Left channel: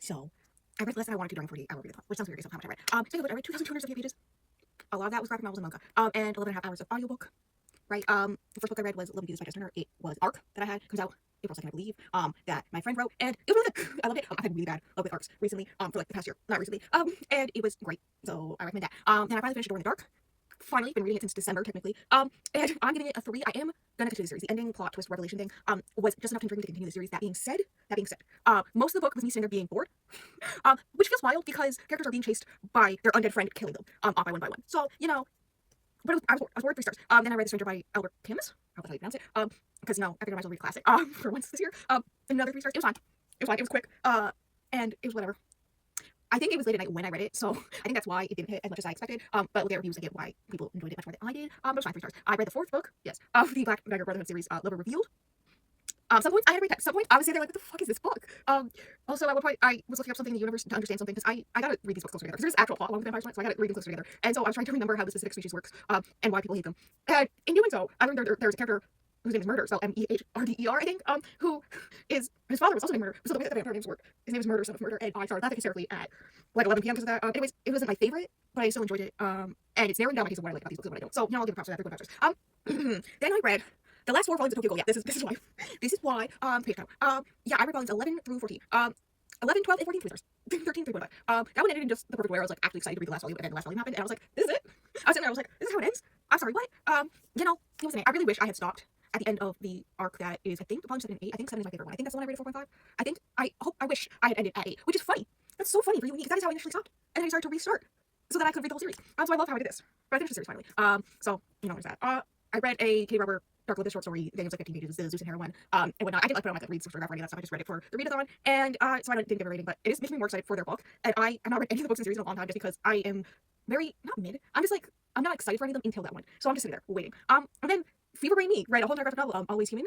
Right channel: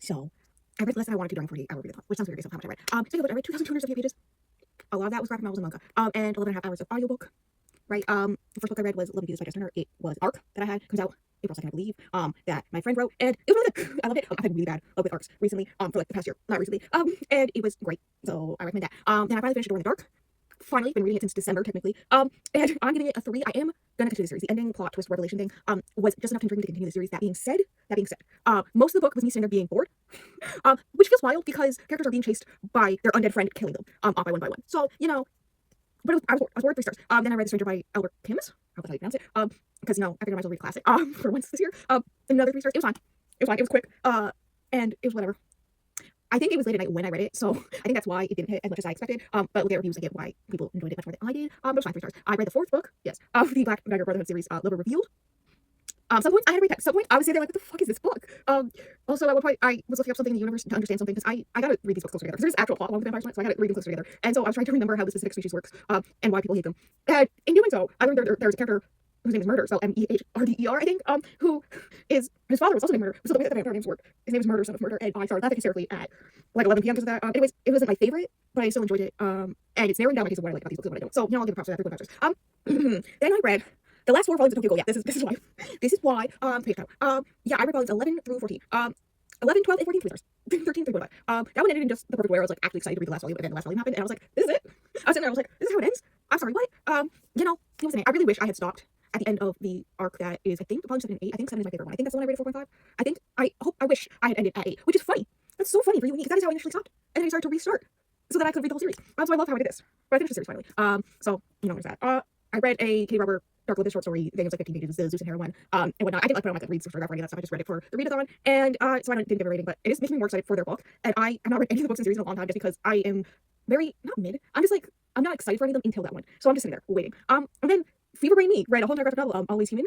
So I read less than I wanted to during 48-hour read, which sounds very based on how much I read. Speaking of which, I read 2,278 pages. A lot of that was graphic novels and manga. And 11.5 hours of audiobook. Right. The first book I read was Little Jesus by Jess Turner. It was Arc that I had comes out April 2nd, I believe. That my friend wrote, and it was really good. I loved it. I've been really bad with arcs recently. For like the past year, not recently. And it was great. So I recommend that. Then I finally finished Door in the Dark. Finally, been reading it since December technically. And I'm giving it a 3. I am gonna continue the series. The ending, plot, twist, revelation thing, was just enough to intrigue me to continue the series. That being said, most of the book was me sitting there being bored, which feels wild because characters are being chased by their undead friend, killing them, off by one. So but I was bored 3 stars. Then I read The Stranger by Albert Camus. How about how you pronounce it? Because I figured I might as well read a classic. For once this year. Another 3 stars. It was fine. It was fine. It was quick. And it was whatever. I think it was late at night when I read it, so I think that's why it didn't hit as much as I expected. But with their reviews, I get why people enjoyed it much more than I did. But it was fine, 3 stars. I read the 4th book, yes, of the Black Dagger Brotherhood series, Liberal Revealed. Some points I had to read that. Some point I was sitting there like, what the fuck is this book? Also at one point I was looking up something in the universe to understand something because I gotta read these books closer together because there's actual plot along with Vampire Slant, so I gotta read them closer together. And so I was trying to remember how the specific species works, and why people hate them. And in doing so, I learned there's a character whose name is Murder, spelled Mehrdder, I think, who is his father was also named Murder. So the way that the vampire names work, his name is Murder, son of Murder, and I started laughing hysterically at like 11 p.m. because of that. Anyways, it wasn't my favorite, but I still enjoyed it. And it's narrowing down my case of what I like about these books and what I don't. So I'll give it props for that. 3 factors. Then I read the last 4 volumes of Tokyo Ghoul. Yeah, this is why. This is why. Page count. Yeah, I read volumes 11 through 14. 11, 12, and 14, 3 stars. 13, 3.5. That one ended in just the perfect way. I was like actually excited to read the last volume, but then the last volume happened, and I was like, this is it. I was sitting there, I was like, this is how it ends. I'm sorry, what? It was I really wish I had stopped at the end of the arc that is, I think, volume 7 and 8. I think 7 is my favorite one. I think that's the one I rated 4.5. I wish I had ended at 8, which is funny. That's so funny for you and me, because that is how I initially stopped. And then I started to restart so that I could read the whole series. So I love how I did this. But I finished the series finally. So, there's that. I read a Katie Robert Dark Lotus short story. I think it was like 15 pages, the Zeus and Heroine, and whatnot. I didn't like put on my read some photograph or any of that stuff. I just read it for the readathon, and so I didn't give it a rating, but it is making me more excited for their book. And I have not read any of the books in the series in a long time just because I am very, not mid, I'm just like, I'm not excited for any of them until that one. So I'm just sitting there waiting. And then Fever Brain Me read a whole entire graphic novel, Always Human,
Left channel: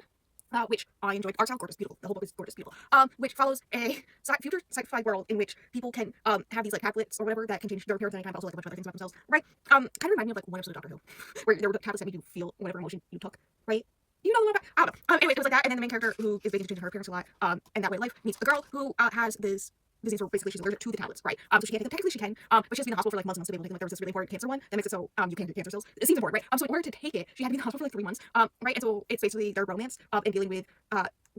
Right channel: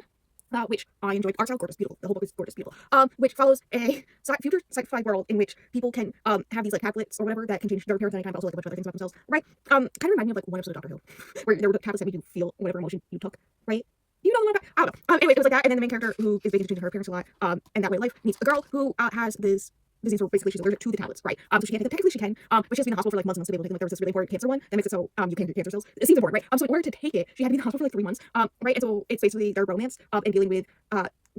which I enjoyed. Art style, gorgeous, beautiful. The whole book is gorgeous, beautiful. Which follows a future sci-fi world in which people can have these like tablets or whatever that can change their appearance anytime, but also like a bunch of other things about themselves, right? Kind of remind me of like one episode of Doctor Who, where there were tablets that made you feel whatever emotion you took, right? You know what I'm about? I don't know. Anyway, it was like that, and then the main character who is basically changing her appearance a lot, and that way of life meets a girl who has this disease where basically she's allergic to the tablets, right? So she can't take them. Technically she can, but she has to be in the hospital for like months and months to be able to take them. Like there was this really important cancer one that makes it so you can't get cancer cells. It seems important, right? So in order to take it, she had to be in the hospital for like 3 months, right? And so it's basically their romance and dealing with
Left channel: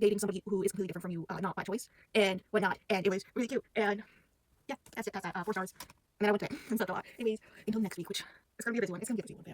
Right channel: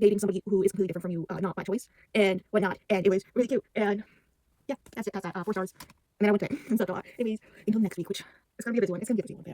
dating somebody who is completely different from you, not by choice and whatnot. And it was really cute. And yeah, that's it. That's that. 4 stars. And then I went to it and slept a lot. Anyways, until next week, which is gonna be a busy one. It's gonna be a busy one, fam.